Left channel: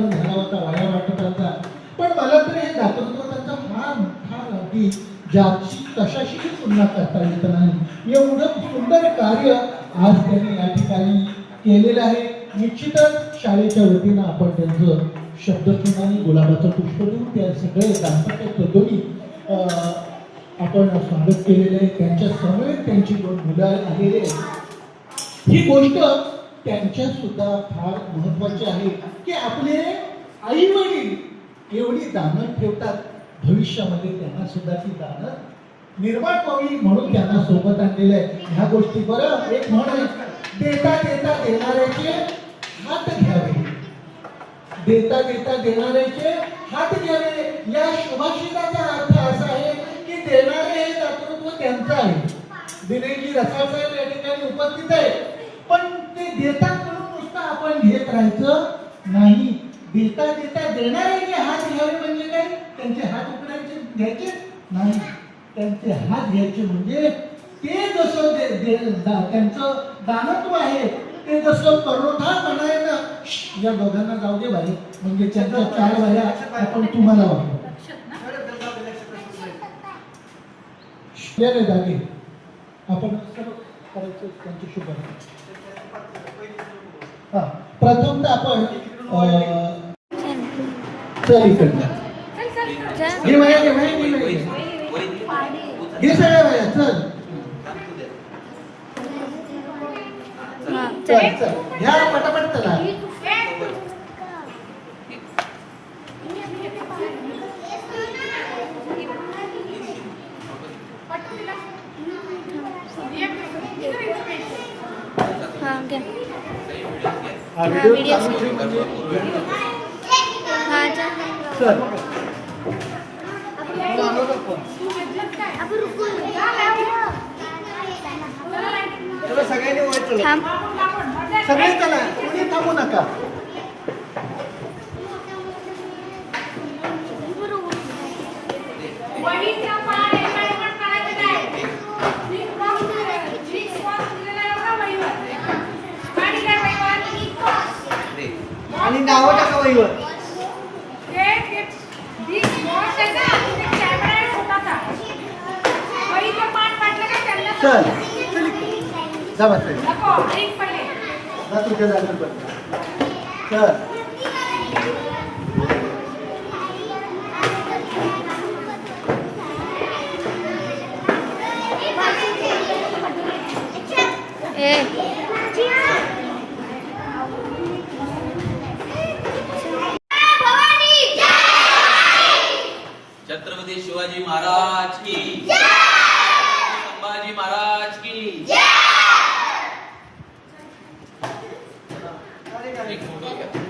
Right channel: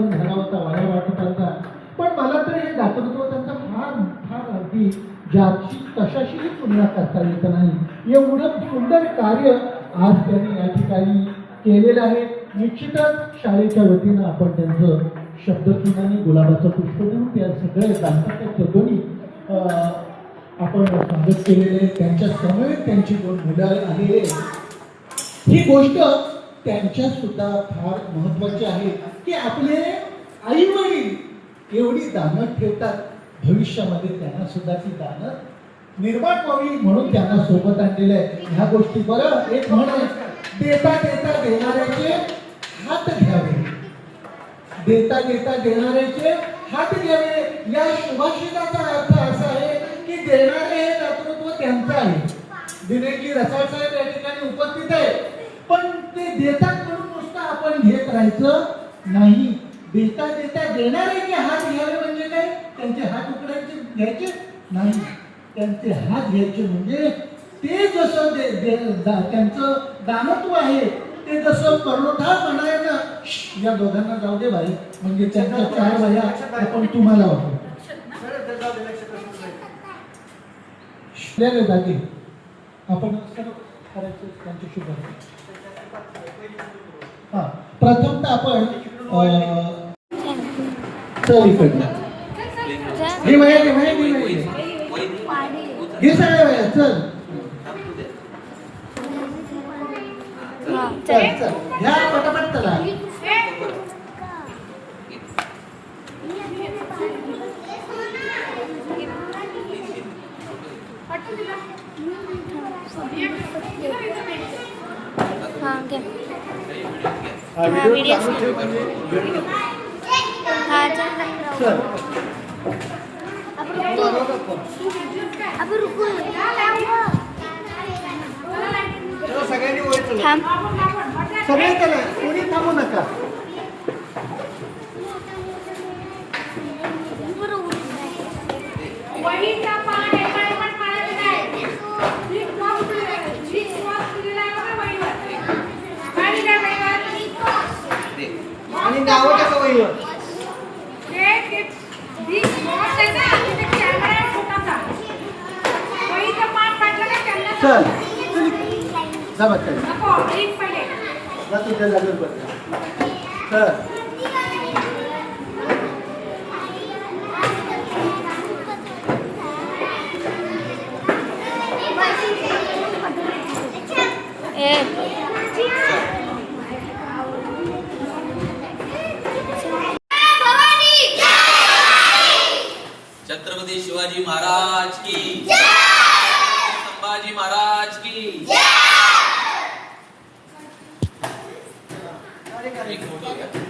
झाला होता, वाया वाटत होता. पण मला तर हे दातृत्व त्यांचा फार फार अगदी ज्याची तशाशीही तुलना करता येत नाही. एवढं सुंदर कार्य आज त्यांनी या ठिकाणी केलेलं आहे. निश्चितच शाळेच्या वतीनं आपण त्यांचं शब्दचूर्ण गुलाबाचं पुष्प देऊन त्या सगळे दाम्पत्य दोन्ही आपण स्वागत केलेलं आहे. त्यांच्या समवेत त्यांची दोन मुलं आलेली आहेत. ही गोष्ट त्यांच्या सुद्धा फार महत्वाची आहे की आपले आई वडील एवढी दानं ठेवतात, भविष्यामध्ये त्यांना सुद्धा ती दानं निर्माण व्हावी म्हणून त्यांना सोबत आणलेलं आहे. ह्या गोष्टी बरं एक म्हण आहे, देता देता देणाऱ्याचे हात घ्यावे, देता देता देणाऱ्याचे हात घ्यावे. या सुभाषिताचा अर्थ असा आहे की देणारे हे दातृत्व त्यांचं आहे. दिनेशजी रसाळ साहेब या ठिकाणी उपस्थित आहे, पण ते देतात म्हणून नुसतं आपण घेत राहायचं नाही. देता देता देणाऱ्याचे हात घ्यावे म्हणजे काय? त्यांचे हात उकडायचे घ्यायचे नाही, त्यांचे हात घ्यायचे म्हणजे ते जसं त्यांचं दानत्व आहे ते जसं करुणा म्हणायचं. या दोघांना जाऊ दे भाई, म्हणजे त्यांच्या चार भाया आपण तुम्हाला वापरू जागे आपण करायचं त्यांचे शुभ. हा प्रथमतः आपण चल इकडनं ही माया घे, माया घे, माया घे सगळ्या माया. चल चल चल घ्या पटापट चला. व्हिडिओ सगळेच चला, कोणी थांबू नका. आणि नाव टाका वहीवर. चल जा बस जा तुझ्या लागेल बघ. चल छत्रपती शिवाजी महाराज की, संभाजी महाराज की. एक फोटो घ्या.